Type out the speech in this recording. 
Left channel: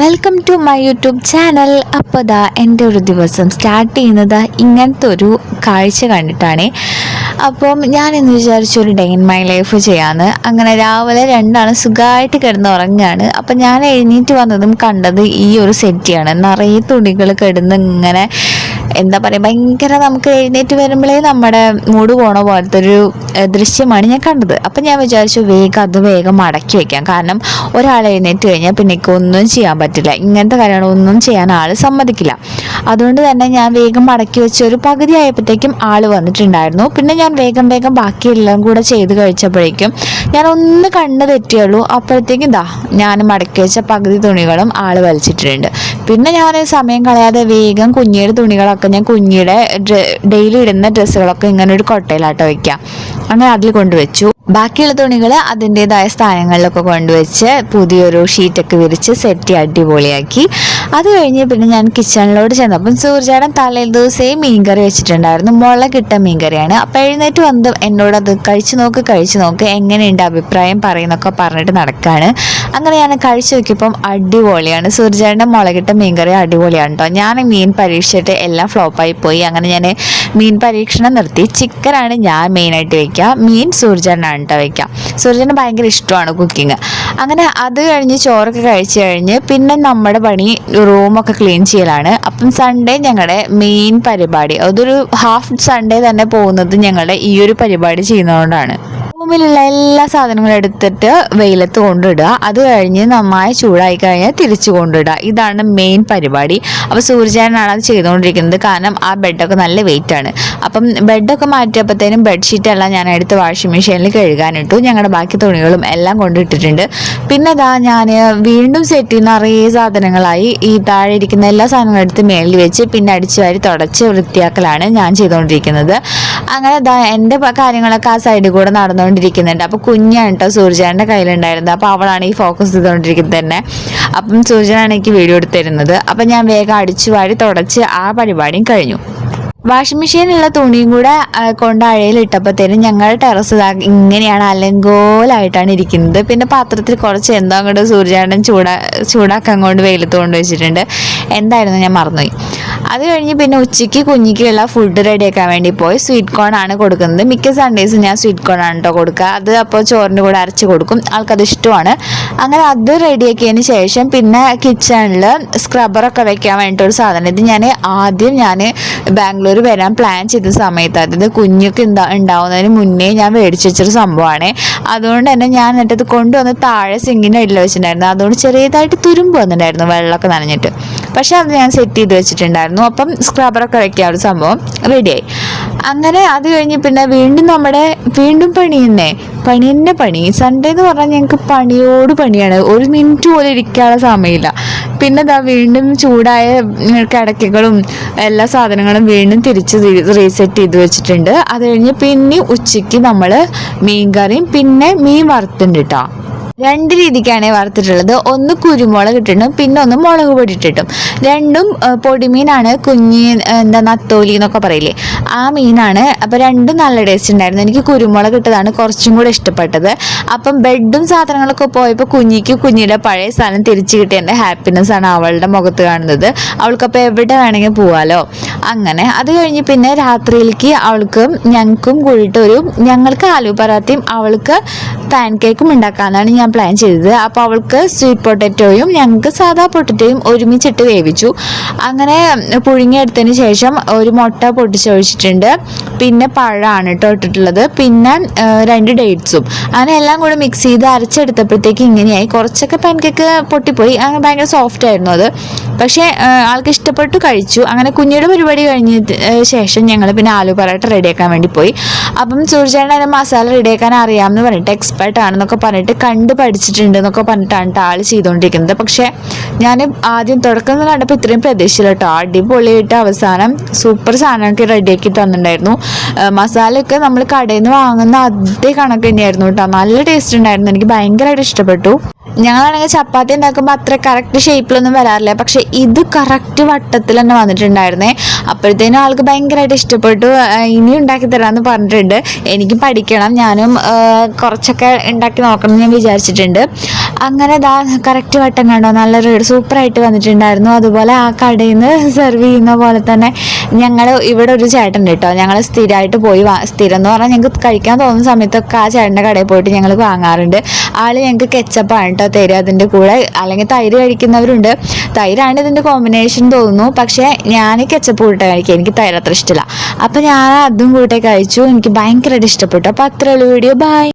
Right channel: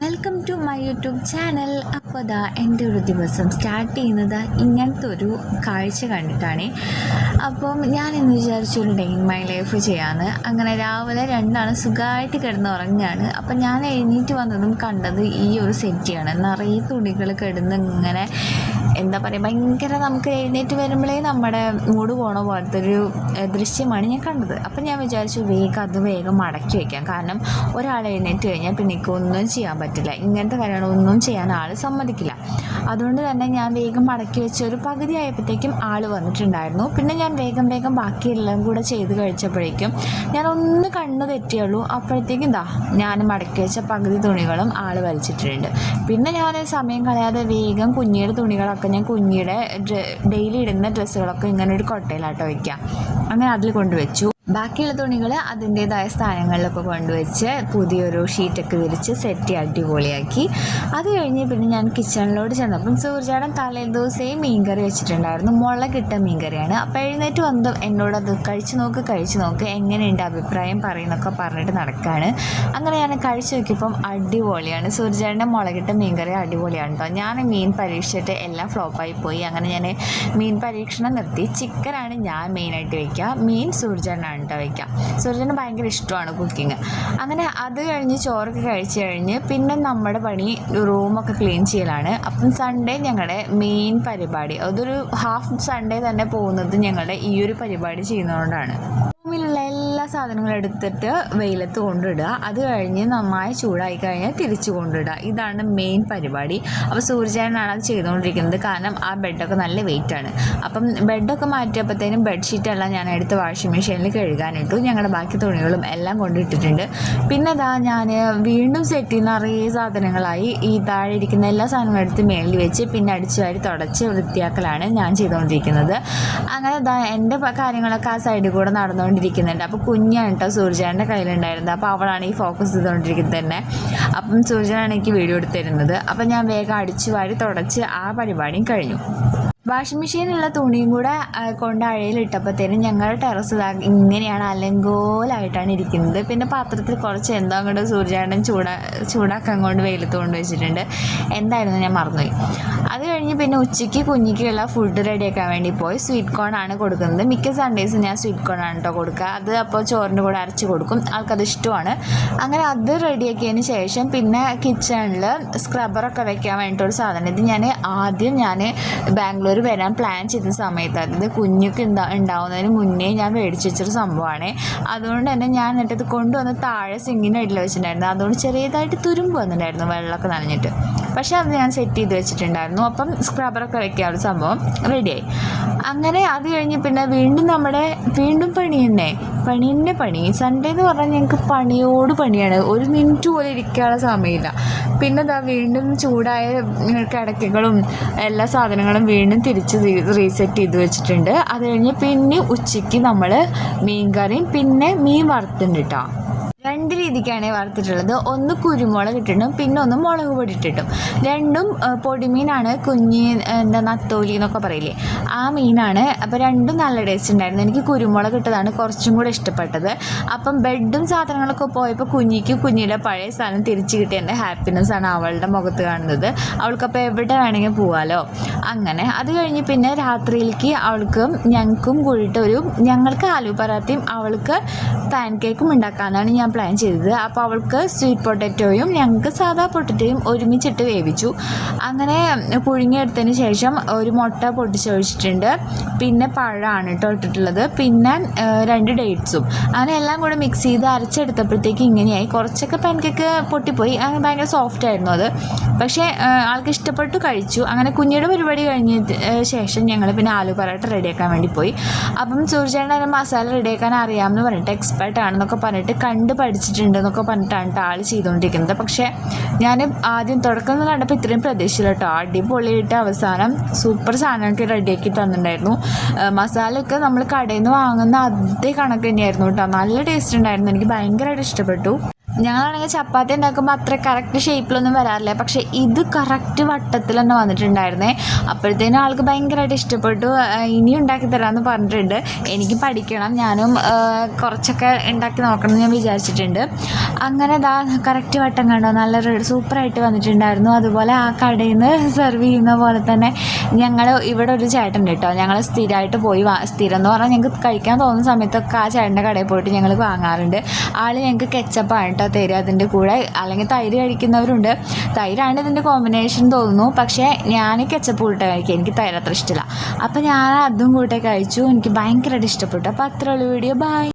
Welcome to my YouTube channel. അപ്പോൾ ദാ എൻ്റെ ഒരു ദിവസം സ്റ്റാർട്ട് ചെയ്യുന്നത് ഇങ്ങനത്തെ ഒരു കാഴ്ച കണ്ടിട്ടാണ്. അപ്പം ഞാനിന്ന് വിചാരിച്ചു ഒരു ഡേ ഇൻ മൈ ലൈഫ് ചെയ്യാമെന്ന്. അങ്ങനെ രാവിലെ രണ്ടാണ് സുഖമായിട്ട് കിടന്ന് ഉറങ്ങുകയാണ്. അപ്പം ഞാൻ എഴുന്നേറ്റ് വന്നതും കണ്ടത് ഈ ഒരു സെറ്റിയാണ്. നിറയെ തുണികൾ കിടന്ന് ഇങ്ങനെ എന്താ പറയുക, ഭയങ്കര നമുക്ക് എഴുന്നേറ്റ് വരുമ്പോഴേ നമ്മുടെ മൂഡ് പോണ പോലത്തെ ഒരു ദൃശ്യമാണ് ഞാൻ കണ്ടത്. അപ്പം ഞാൻ വിചാരിച്ചു വേഗം മടക്കി വയ്ക്കാം. കാരണം ഒരാൾ എഴുന്നേറ്റ് കഴിഞ്ഞാൽ പിന്നെ ഒന്നും ചെയ്യാൻ പറ്റില്ല. ഇങ്ങനത്തെ കാര്യങ്ങളൊന്നും ചെയ്യാൻ ആൾ സമ്മതിക്കില്ല. അതുകൊണ്ട് തന്നെ ഞാൻ വേഗം മടക്കി വെച്ച് ഒരു പകുതി ആയപ്പോഴത്തേക്കും ആൾ വന്നിട്ടുണ്ടായിരുന്നു. പിന്നെ ഞാൻ വേഗം ബാക്കിയെല്ലാം കൂടെ ചെയ്ത് കഴിച്ചപ്പോഴേക്കും ഞാൻ ഒന്ന് കണ്ണ് തെറ്റിയുള്ളൂ. അപ്പോഴത്തേക്കും ഞാൻ മടക്കി വെച്ച പകുതി തുണികളും ആൾ വലിച്ചിട്ടുണ്ട്. പിന്നെ ഞാൻ സമയം കളയാതെ വേഗം കുഞ്ഞിയുടെ തുണികളൊക്കെ ഞാൻ കുഞ്ഞിയുടെ ഡെയിലി ഇടുന്ന ഡ്രസ്സുകളൊക്കെ ഇങ്ങനെ ഒരു കൊട്ടയിലാട്ടോ വയ്ക്കാം. അങ്ങനെ അതിൽ കൊണ്ടുവച്ചു. ബാക്കിയുള്ള തുണികൾ അതിൻ്റെതായ സ്ഥാനങ്ങളിലൊക്കെ കൊണ്ടുവച്ച് പുതിയൊരു ഷീറ്റൊക്കെ വിരിച്ച് സെറ്റ് അടിപൊളിയാക്കി. അത് കഴിഞ്ഞ് പിന്നെ ഞാൻ കിച്ചണിലോട്ട് ചെന്നപ്പം സൂര്യേട്ടൻ തലേ ദിവസമേ മീൻകറി വെച്ചിട്ടുണ്ടായിരുന്നു. മുളകിട്ട മീൻകറിയാണ്. അപ്പം എഴുന്നേറ്റ് വന്ന് എന്നോട് അത് കഴിച്ചു നോക്ക് എങ്ങനെയുണ്ട് അഭിപ്രായം പറയുന്നൊക്കെ പറഞ്ഞിട്ട് നടക്കുകയാണ്. അങ്ങനെ ഞാൻ കഴിച്ചു നോക്കിയപ്പം അടിപൊളിയാണ്. സൂര്യേട്ടൻ്റെ മുളകിട്ട മീൻകറി അടിപൊളിയാണ് കേട്ടോ. ഞാൻ മീൻ പരീക്ഷിച്ചിട്ട് എല്ലാം ഫ്ലോപ്പായി പോയി. അങ്ങനെ ഞാൻ മീൻ പരീക്ഷണം നിർത്തി. ചിക്കനാണ് ഞാൻ മെയിനായിട്ട് വയ്ക്കുക. മീൻ സൂര്യേട്ടനാണ് വയ്ക്കാം. സൂര്യന് ഭയങ്കര ഇഷ്ടമാണ് കുക്കിങ്. അങ്ങനെ അത് കഴിഞ്ഞ് ചോറൊക്കെ കഴിച്ചു കഴിഞ്ഞ് പിന്നെ നമ്മുടെ പണി റൂമൊക്കെ ക്ലീൻ ചെയ്യലാണ്. അപ്പം സൺഡേ ഞങ്ങളുടെ മെയിൻ പരിപാടി, അതൊരു ഹാഫ് സൺഡേ തന്നെ പോകുന്നത് ഞങ്ങളുടെ ഈ ഒരു പരിപാടി ചെയ്യുന്നതുകൊണ്ടാണ്. റൂമിലുള്ള എല്ലാ സാധനങ്ങളും എടുത്തിട്ട് വെയിലത്ത് കൊണ്ടിടുക. അത് കഴിഞ്ഞ് നന്നായി ചൂടായി കഴിഞ്ഞാൽ തിരിച്ചു കൊണ്ടിടുക. ഇതാണ് മെയിൻ പരിപാടി. അപ്പോൾ സൂര്യേട്ടനാണ് അത് ചെയ്തുകൊണ്ടിരിക്കുന്നത്. കാരണം ആ ബെഡൊക്കെ നല്ല വെയിറ്റ് ആണ്. അപ്പം ബെഡൊക്കെ മാറ്റിയപ്പോഴത്തേനും ബെഡ്ഷീറ്റെല്ലാം ഞാൻ എടുത്ത് വാഷിംഗ് മെഷീനിൽ കഴുകാനിട്ടു. ഞങ്ങളുടെ ബാക്കി തുണികളും എല്ലാം കൊണ്ടിട്ടിട്ടുണ്ട്. പിന്നെ ഞാൻ വീണ്ടും സെറ്റ് നിറയെ സാധനങ്ങളായി. ഈ താഴെ ഇരിക്കുന്ന എല്ലാ സാധനങ്ങളും എടുത്ത് മേളിൽ വെച്ച് പിന്നെ അടിച്ചു വാരി തുടച്ച് വൃത്തിയാക്കലാണ് ഞാൻ ചെയ്തുകൊണ്ടിരിക്കുന്നത്. അങ്ങനെ എൻ്റെ കാര്യങ്ങളൊക്കെ ആ സൈഡിൽ കൂടെ നടന്നുകൊണ്ടിരിക്കുന്നുണ്ട്. അപ്പോൾ കുഞ്ഞാണ് കേട്ടോ സൂര്യേട്ടൻ്റെ കയ്യിലുണ്ടായിരുന്നത്. അപ്പോൾ അവളാണ് ഈ ഫോക്കസ് ചെയ്തുകൊണ്ടിരിക്കുന്നത് തന്നെ. അപ്പം സൂര്യേട്ടനാണ് എനിക്ക് വീഡിയോ എടുത്തിരുന്നത്. അപ്പം ഞാൻ വേഗം അടിച്ചു വാരി തുടച്ച് ആ പരിപാടിയും കഴിഞ്ഞു. വാഷിംഗ് മെഷീനുള്ള തുണിയും കൂടെ കൊണ്ട് അഴയിലിട്ടപ്പോഴത്തേനും ഞങ്ങളുടെ ടെറസ് ഇങ്ങനെയാണ് അലങ്കോലായിട്ടാണ് ഇരിക്കുന്നത്. പിന്നെ പാത്രത്തിൽ കുറച്ച് എന്തോ അങ്ങോട്ട് സൂര്യേട്ടൻ ചൂടാക്കാൻ കൊണ്ട് വെയിലത്ത് കൊണ്ട് വെച്ചിട്ടുണ്ട്. എന്തായിരുന്നു ഞാൻ മറന്നുപോയി. അത് കഴിഞ്ഞ് പിന്നെ ഉച്ചയ്ക്ക് കുഞ്ഞിക്കുള്ള ഫുഡ് റെഡിയാക്കാൻ വേണ്ടി പോയി. സ്വീറ്റ് കോൺ ആണ് കൊടുക്കുന്നത്. മിക്ക സൺഡേസും ഞാൻ സ്വീറ്റ് കോൺ ആണ് കേട്ടോ കൊടുക്കുക. അത് അപ്പോൾ ചോറിൻ്റെ കൂടെ അരച്ച് കൊടുക്കും. ആൾക്കത് ഇഷ്ടമാണ്. അങ്ങനെ അത് റെഡിയാക്കിയതിന് ശേഷം പിന്നെ കിച്ചണിൽ സ്ക്രബ്ബറൊക്കെ വെക്കാൻ വേണ്ടിയിട്ടൊരു സാധനം. ഇത് ആദ്യം ഞാൻ ബാംഗ്ലൂർ വരാൻ പ്ലാൻ ചെയ്ത സമയത്ത്, അതായത് കുഞ്ഞൊക്കെ ഉണ്ടാവുന്നതിന് മുന്നേ ഞാൻ മേടിച്ച് വെച്ചൊരു സംഭവമാണ്. അതുകൊണ്ട് തന്നെ ഞാൻ എന്നിട്ടത് കൊണ്ടുവന്ന് താഴെ സിങ്കിൻ്റെ അടിയിൽ വെച്ചിട്ടുണ്ടായിരുന്നു. അതുകൊണ്ട് ചെറിയതായിട്ട് തുരുമ്പ് വന്നിട്ടുണ്ടായിരുന്നു, വെള്ളമൊക്കെ നനഞ്ഞിട്ട്. പക്ഷെ അത് ഞാൻ സെറ്റ് ചെയ്ത് വെച്ചിട്ടുണ്ടായിരുന്നു. അപ്പം സ്ക്രബ്ബറൊക്കെ വെക്കാൻ ഒരു സംഭവം റെഡിയായി. അങ്ങനെ അത് കഴിഞ്ഞ് പിന്നെ വീണ്ടും പണി. സൺഡേ എന്ന് പറഞ്ഞാൽ ഞങ്ങൾക്ക് പണിയോട് പണിയാണ്. ഒരു മിനിറ്റ് പോലും ഇരിക്കാനുള്ള സമയമില്ല. പിന്നെ വീണ്ടും ചൂടായ കിടക്കകളും എല്ലാ സാധനങ്ങളും വീണ്ടും തിരിച്ച് റീസെറ്റ് ചെയ്ത് വെച്ചിട്ടുണ്ട്. അത് കഴിഞ്ഞ് പിന്നെ ഉച്ചയ്ക്ക് നമ്മൾ മീൻ കറിയും പിന്നെ മീൻ വറുത്തുണ്ട് കേട്ടോ. രണ്ട് രീതിക്കാണ് വറുത്തിട്ടുള്ളത്. ഒന്ന് കുരുമുളക് ഇട്ടിട്ടും പിന്നെ ഒന്ന് മുളക് പൊടി ഇട്ടിട്ടും. രണ്ടും പൊടിമീനാണ്. നത്തോലി എന്നൊക്കെ പറയില്ലേ, ആ മീനാണ്. അപ്പോൾ രണ്ടും നല്ല ടേസ്റ്റ് ഉണ്ടായിരുന്നു. എനിക്ക് കുരുമുളക് ഇട്ടതാണ് കുറച്ചും കൂടെ ഇഷ്ടപ്പെട്ടത്. അപ്പം ബെഡും സാധനങ്ങളൊക്കെ പോയപ്പോൾ കുഞ്ഞിയുടെ പഴയ സ്ഥലം തിരിച്ചു കിട്ടിയ എൻ്റെ ഹാപ്പിനെസ് ആണ് അവളുടെ മുഖത്ത് കാണുന്നത്. അവൾക്കപ്പോൾ എവിടെ വേണമെങ്കിൽ പോവാലോ. അങ്ങനെ അത് കഴിഞ്ഞ് പിന്നെ രാത്രിയിലേക്ക് ഞങ്ങൾക്കും കൂടിയിട്ട് ഞങ്ങൾക്ക് ആലു പറാത്തയും അവൾക്ക് പാൻ കേക്കും ഉണ്ടാക്കാനാണ് ഞാൻ പ്ലാൻ ചെയ്തത്. അപ്പോൾ അവൾക്ക് സ്വീറ്റ് പൊട്ടറ്റോയും ഞങ്ങൾക്ക് സാധാ പൊട്ടറ്റോയും ഒരുമിച്ചിട്ട് വേവിച്ചു. അങ്ങനെ പുഴുങ്ങിയെടുത്തതിന് ശേഷം ഒരു മുട്ട പൊട്ടിച്ചൊഴിച്ചിട്ടുണ്ട്. പിന്നെ പഴമാണ് കേട്ടോ ഇട്ടിട്ടുള്ളത്. പിന്നെ 2 ഡേറ്റ്സും. അങ്ങനെ എല്ലാം കൂടെ മിക്സ് ചെയ്ത് അരച്ചെടുത്തപ്പോഴത്തേക്ക് ഇങ്ങനെയായി. കുറച്ചൊക്കെ പാൻ കേക്ക് പൊട്ടിപ്പോയി. അങ്ങനെ ഭയങ്കര സോഫ്റ്റ് ആയിരുന്നു അത്. പക്ഷേ ആൾക്ക് ഇഷ്ടപ്പെട്ടു, കഴിച്ചു. അങ്ങനെ കുഞ്ഞിയുടെ പരിപാടി കഴിഞ്ഞ ശേഷം ഞങ്ങൾ പിന്നെ ആലു പറാട്ട റെഡിയാക്കാൻ വേണ്ടി പോയി. അപ്പം സൂര്യേട്ടൻ അതിന് മസാല റെഡിയാക്കാൻ അറിയാമെന്ന് പറഞ്ഞിട്ട് എക്സ്പെർട്ട് ആണെന്നൊക്കെ പറഞ്ഞിട്ട് പഠിച്ചിട്ടുണ്ട് എന്നൊക്കെ പറഞ്ഞിട്ടാണ് ആൾ ചെയ്തുകൊണ്ടിരിക്കുന്നത്. പക്ഷേ ഞാൻ ആദ്യം തുടക്കം കണ്ടപ്പോൾ ഇത്രയും പ്രതീക്ഷയില്ല കേട്ടോ. അടിപൊളിയായിട്ട് അവസാനം സൂപ്പർ സാധനമൊക്കെ റെഡിയാക്കി തന്നിട്ടുണ്ടായിരുന്നു. മസാലയൊക്കെ നമ്മൾ കടയിൽ നിന്ന് വാങ്ങുന്ന അതേ കണക്ക് തന്നെയായിരുന്നു കേട്ടോ. നല്ല ടേസ്റ്റ് ഉണ്ടായിരുന്നു. എനിക്ക് ഭയങ്കരമായിട്ട് ഇഷ്ടപ്പെട്ടു. ഞങ്ങളാണെങ്കിൽ ചപ്പാത്തി ഉണ്ടാക്കുമ്പോൾ അത്ര കറക്റ്റ് ഷേപ്പിലൊന്നും വരാറില്ല, പക്ഷേ ഇത് കറക്റ്റ് വട്ടത്തിൽ തന്നെ വന്നിട്ടുണ്ടായിരുന്നേ. അപ്പോഴത്തേനും ആൾക്ക് ഭയങ്കരമായിട്ട് ഇഷ്ടപ്പെട്ടു. ഇനി ഉണ്ടാക്കി തരാമെന്ന് പറഞ്ഞിട്ടുണ്ട്. എനിക്ക് പഠിക്കണം, ഞാനും കുറച്ചൊക്കെ ഉണ്ടാക്കി നോക്കണം എന്ന് ഞാൻ വിചാരിച്ചിട്ടുണ്ട്. അങ്ങനെ ഇതാ കറക്റ്റ് വട്ടം കണ്ടോ, നല്ല സൂപ്പറായിട്ട് വന്നിട്ടുണ്ടായിരുന്നു. അതുപോലെ ആ കടയിൽ നിന്ന് സെർവ് ചെയ്യുന്ന പോലെ തന്നെ ഞങ്ങൾ ഇവിടെ ഒരു ചേട്ടൻ കേട്ടോ, ഞങ്ങൾ സ്ഥിരമായിട്ട് പോയി സ്ഥിരം എന്ന് പറഞ്ഞാൽ ഞങ്ങൾക്ക് കഴിക്കാൻ തോന്നുന്ന സമയത്തൊക്കെ ആ ചേട്ടൻ്റെ കടയിൽ പോയിട്ട് ഞങ്ങൾ വാങ്ങാറുണ്ട്. ആൾ ഞങ്ങൾക്ക് കെച്ചപ്പാണ് കേട്ടോ തരും അതിൻ്റെ കൂടെ, അല്ലെങ്കിൽ തൈര് കഴിക്കുന്നവരുണ്ട്. തൈരാണ് ഇതിൻ്റെ കോമ്പിനേഷൻ തോന്നുന്നു, പക്ഷേ ഞാൻ കെച്ചപ്പ് കൂട്ട കഴിക്കുക, എനിക്ക് തൈര് അത്ര ഇഷ്ടമില്ല. അപ്പോൾ ഞാൻ അതും കൂടെ കഴിച്ചു, എനിക്ക് ഭയങ്കരമായിട്ട് ഇഷ്ടപ്പെട്ടു. അപ്പോൾ അത്രയുള്ള വീഡിയോ, ബൈ.